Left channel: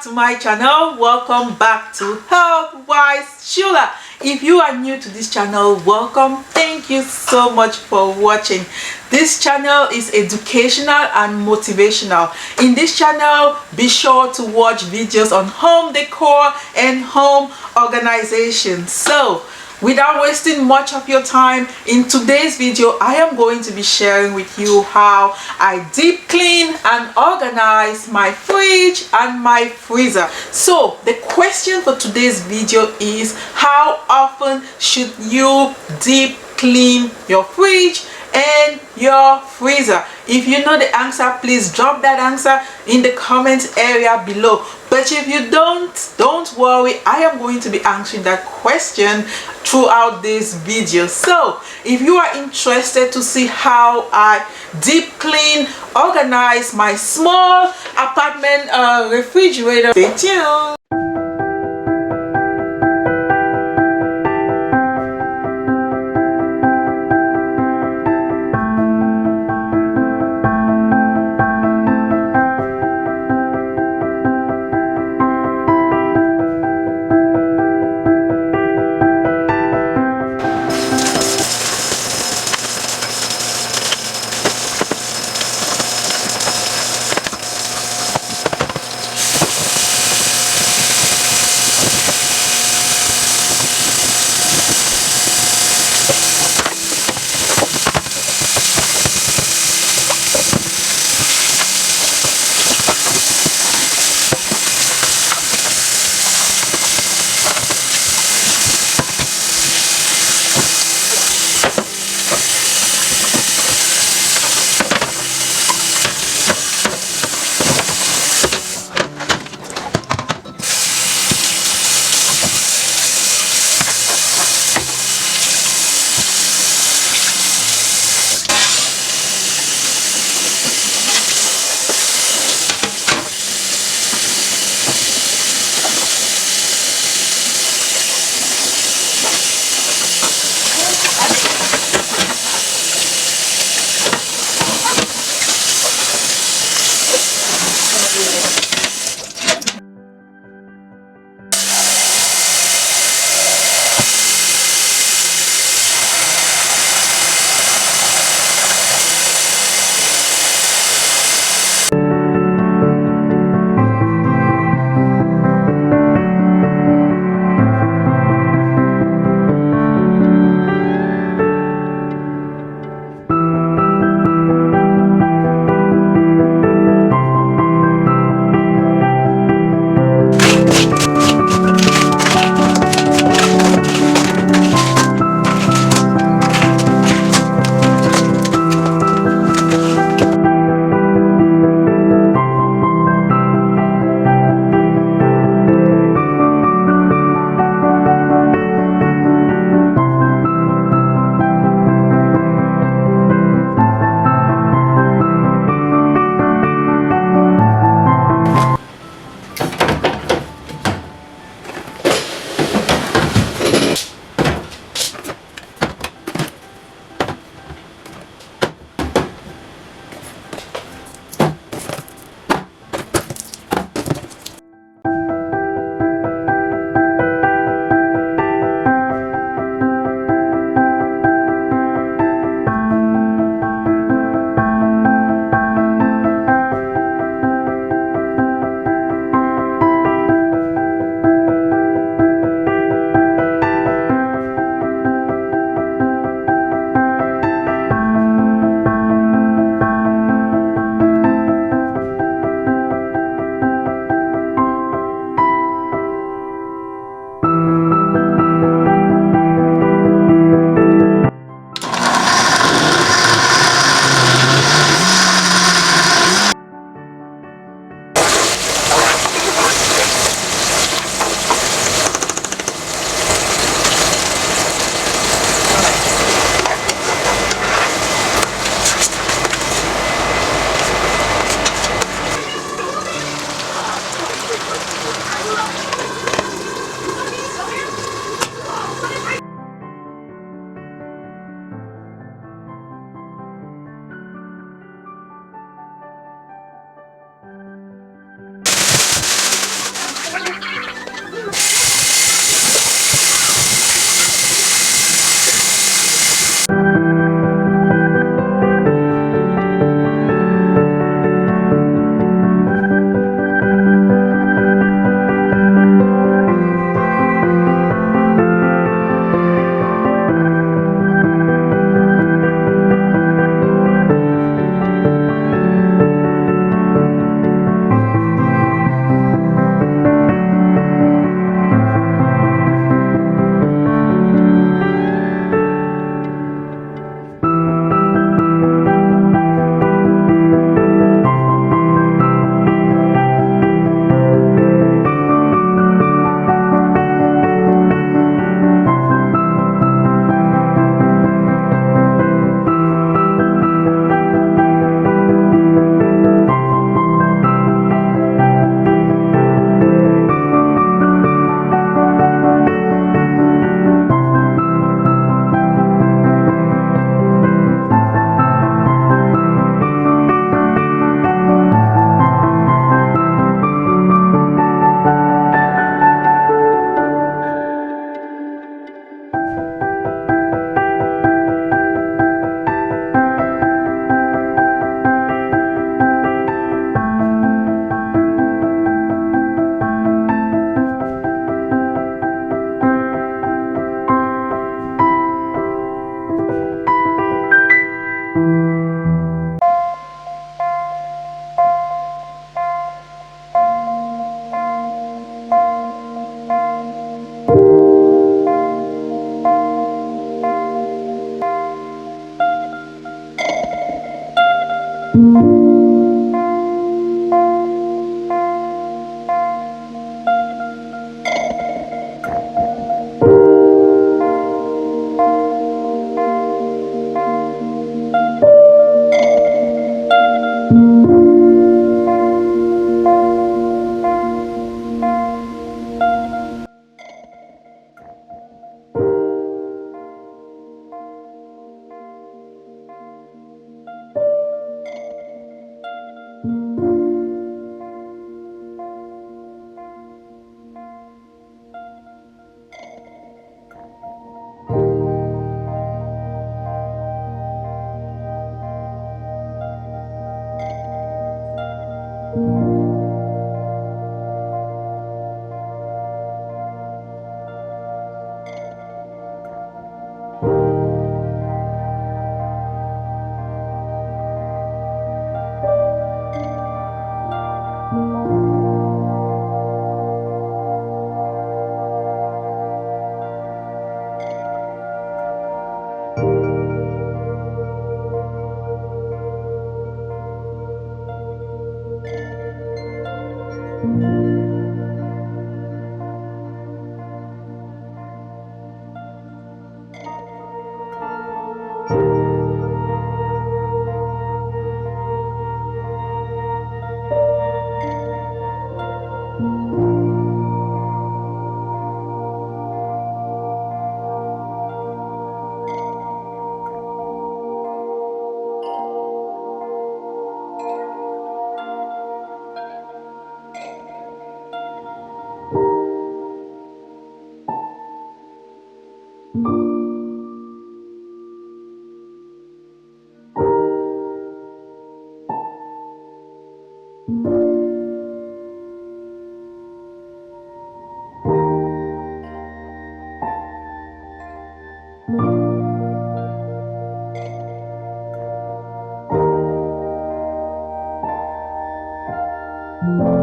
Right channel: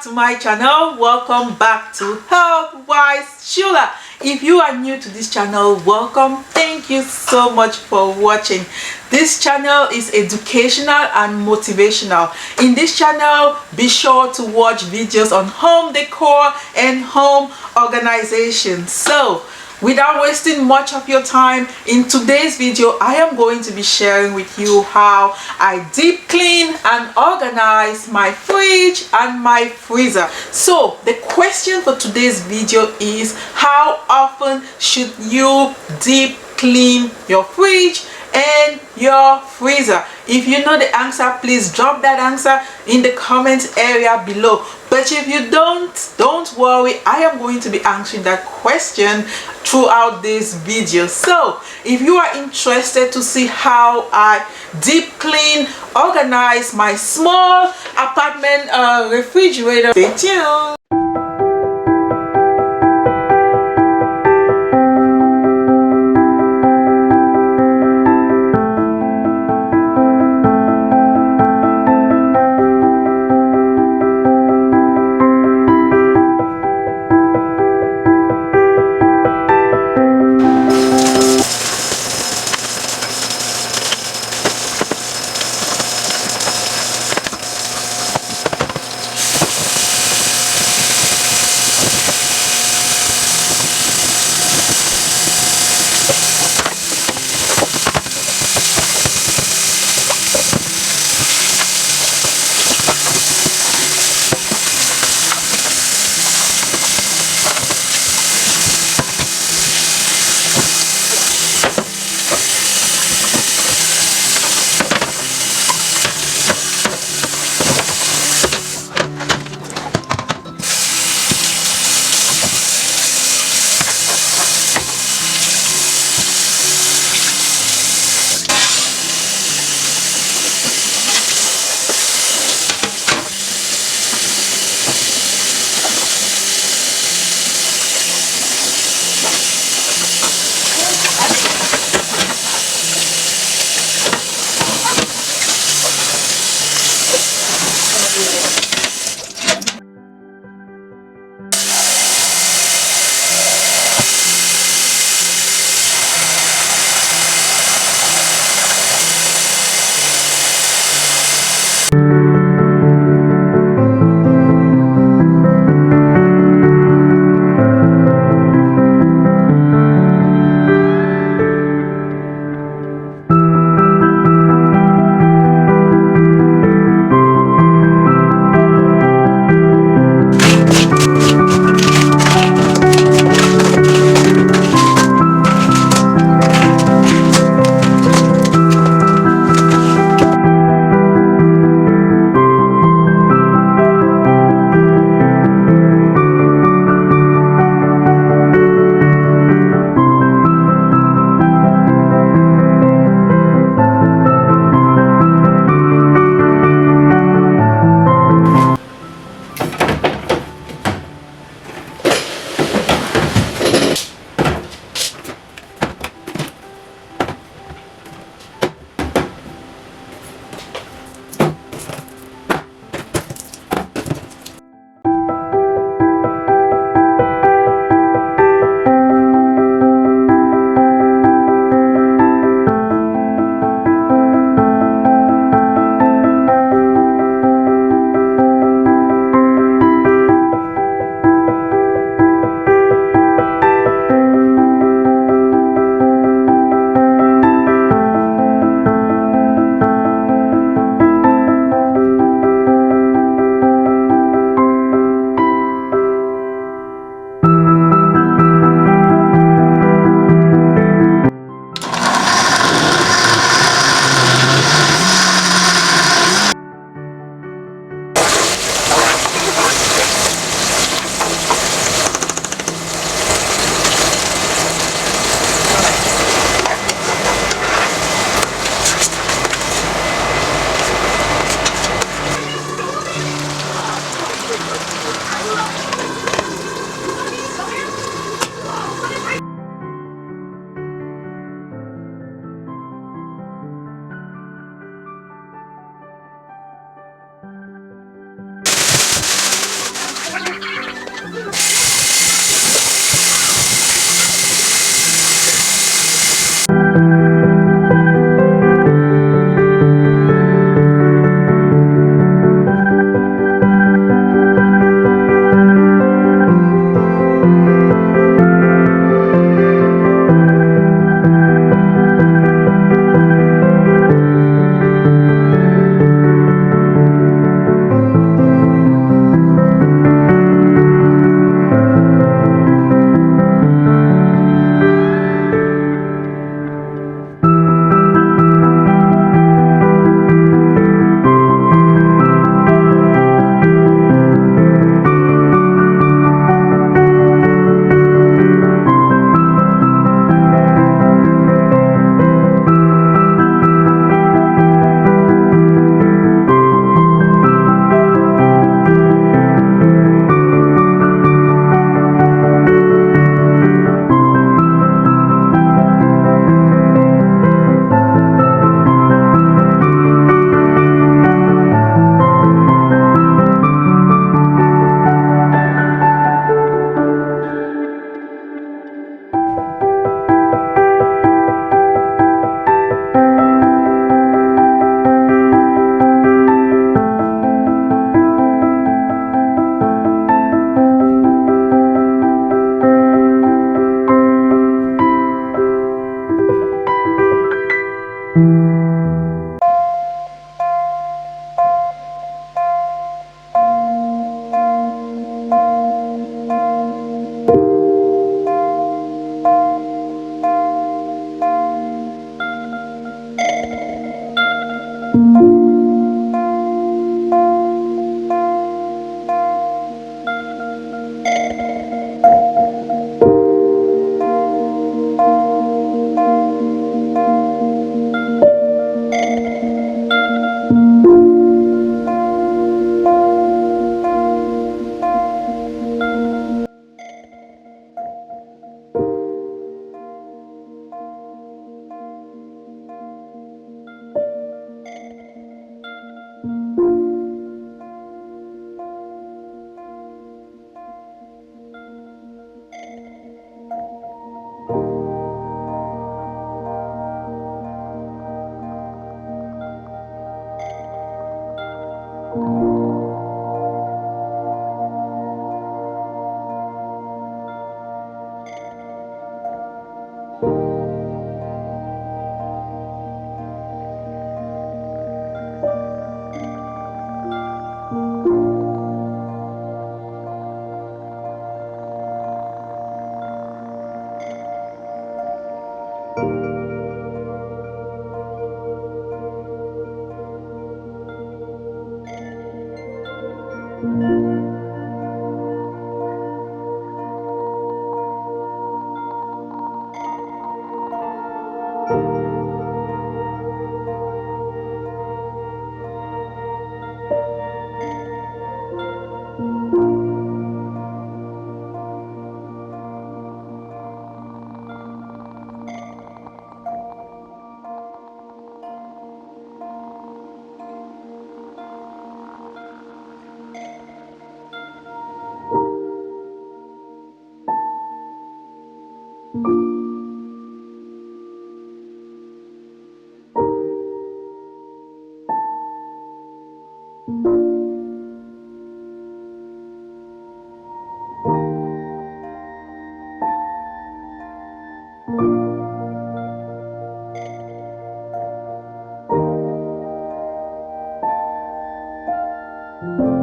back to my channel. Welcome back to Health Wise Shula. If you are new to this channel, welcome. Thank you so much for watching. This channel is educational and motivational. In this channel, be sure to watch videos on home decor and home organization. So without wasting much of your time, in today's video I am going to be sharing with you how I deep clean and organize my fridge and my freezer. So the question for today's video is, how often should you deep clean your fridge and your freezer? If you know the answer, please drop that answer in the comment area below. But if you don't worry, I am going to be answering that question throughout this video. So if you are interested to see how I deep clean, organize my small apartment refrigerator, stay tuned. you.